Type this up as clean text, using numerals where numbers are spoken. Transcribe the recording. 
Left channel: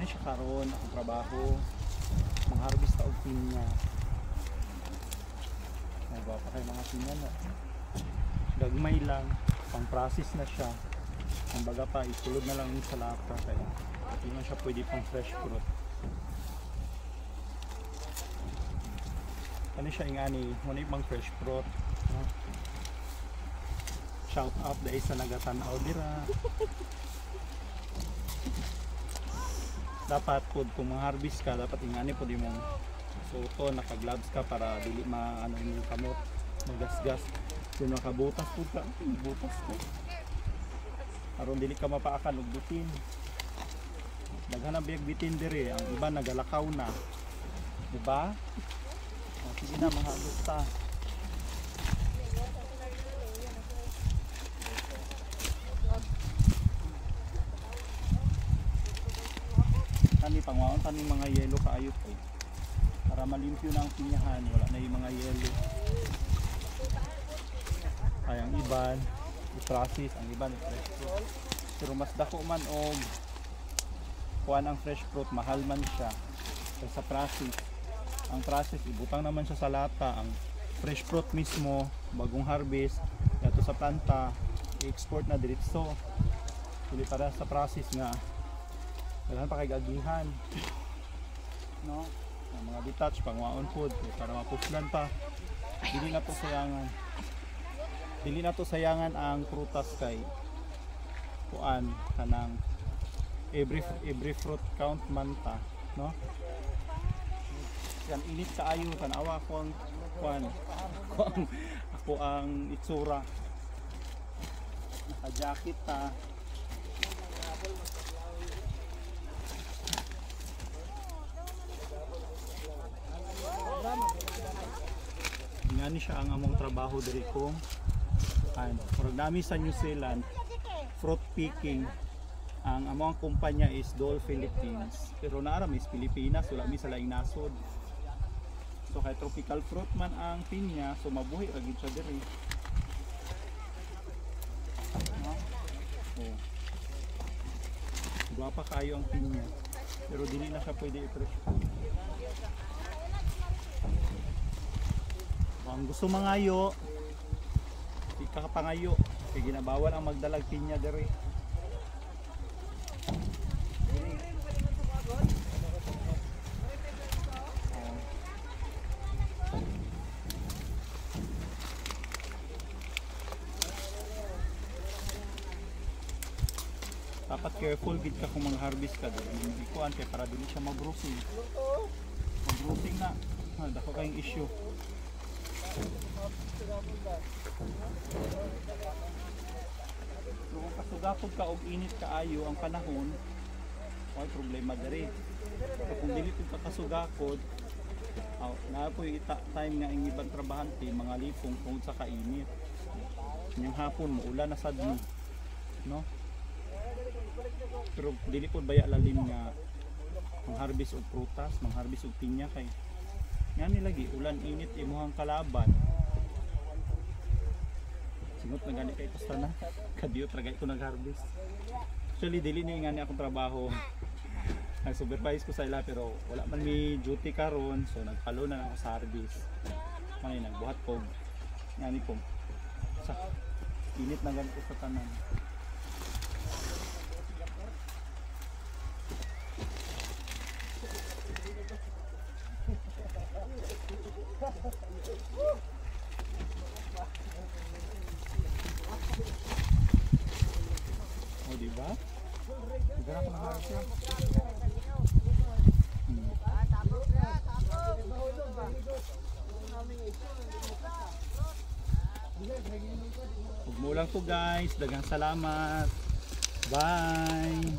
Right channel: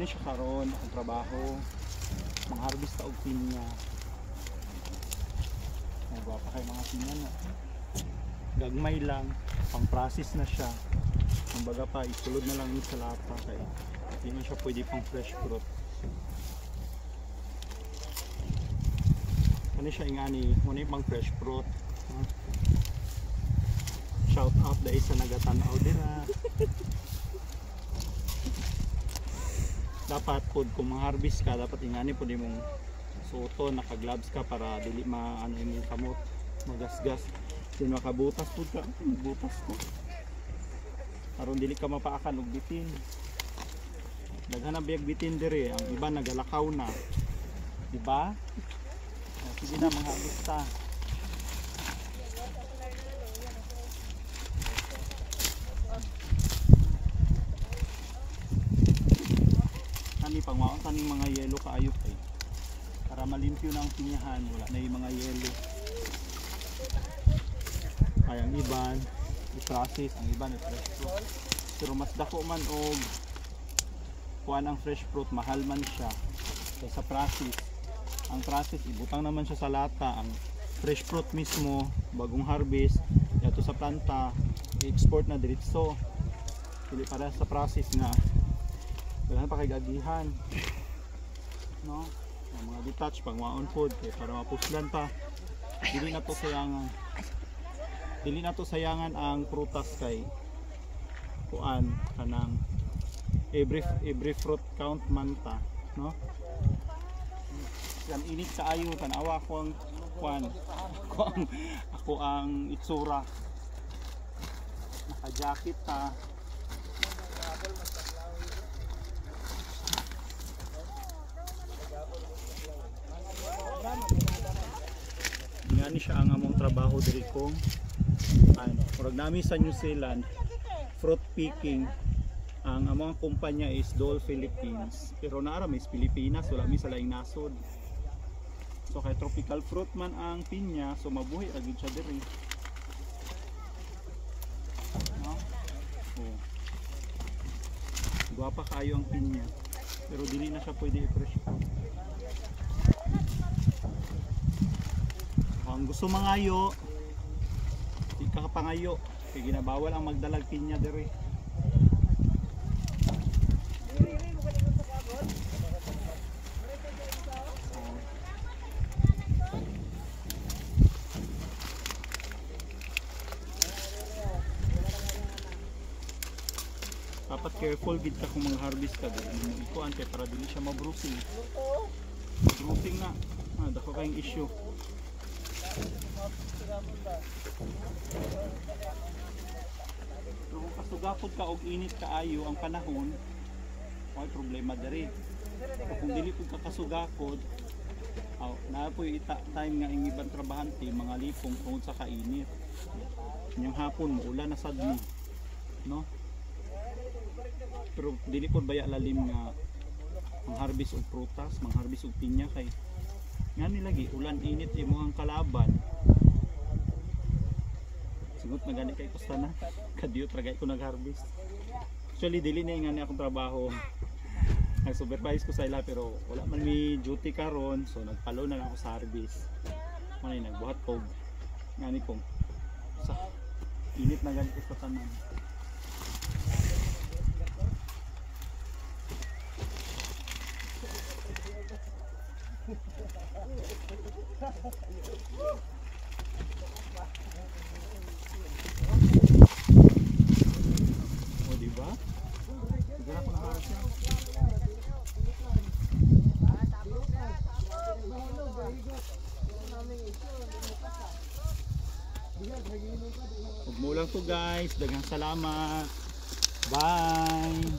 Muna siya karon ang trabaho. Mangharvest ta og pinya. Nagwapa kay mga pinya na. Gagmay lang, pang process na siya. Ang baga pa isulod na lang ni sa lata kaya hindi na siya pwede pang fresh fruit. Ano siya ingani, muna pang fresh fruit. Shout out dahil sa nagatanaw din na. Dapat po kung mag-harvest ka, dapat ingani po di mong suto, naka-gloves ka para dili maano yung kamot, magasgas. Kung makabutas po ka, butas po. Aron dili ka mapaakan og bitin. Naghanap biyag bitin dire, ang iba nagalakaw na. Di ba? Sige na mga alusta. Kani pangwaon kani mga yelo kaayot eh. Para malimpyo na ang pinyahan, wala na yung mga yelo. Ay ang iban, i-process, ang iban i-fresh fruit. Pero mas dako man og kuan ang fresh fruit, mahal man siya. Kaysa process. Ang process, ibutang naman siya sa lata. Ang fresh fruit mismo, bagong harvest, yato sa planta, i-export na diretso. Pili para sa process nga kailangan pa kay gagihan, no? Ang mga detach, pangwaon food, para mapuslan pa. Dili na to sayangan. Dili na to sayangan ang prutas kay kuan kanang every fruit count man ta, no? Yan init kaayo tanawa ko ang kuan. Ako ang itsura. Naka-jacket ta. Ngani siya ang among trabaho diri ko. Murag nami sa New Zealand, fruit picking. Ang among kumpanya is Dole Philippines. Pero naara is Pilipinas, wala mi sa laing nasod. So kay tropical fruit man ang pinya, so mabuhi ra gid siya diri. No? Oh. Guwapa kayo ang pinya. Pero dili na siya pwede i-fresh. Kung gusto mangayo, di ka kapangayo. Kaya ginabawal ang magdalag pinya diri. Dapat careful gid ka kung mag-harvest ka diri. Ikuan kay para dili siya ma-bruising. Bruising na. Dako kayong issue. Kung kasugapod ka og init kaayo ang panahon, may problema diri. Kung dili ko kasugakod, na po time nga ang ibang trabahante mga lipong tungod sa kainit. Yung hapon mo ulan na sad mo, no? Pero dili po baya lalim nga mangharvest og prutas, mangharvest og pinya kay ngani lagi ulan init imong kalaban. Sigot na gani kay basta na kadiyo tragay ko nagharvest. Actually dili na ngani akong trabaho. Nag-supervise ko sa ila pero wala man mi duty karon, so nagpalo na lang ako sa harvest. Manay nagbuhat ko ngani po sa init na ganito sa tanan. Oh, diba? Diba na pang-harap yan? Huwag mo lang to guys. Daghang salamat. Bye!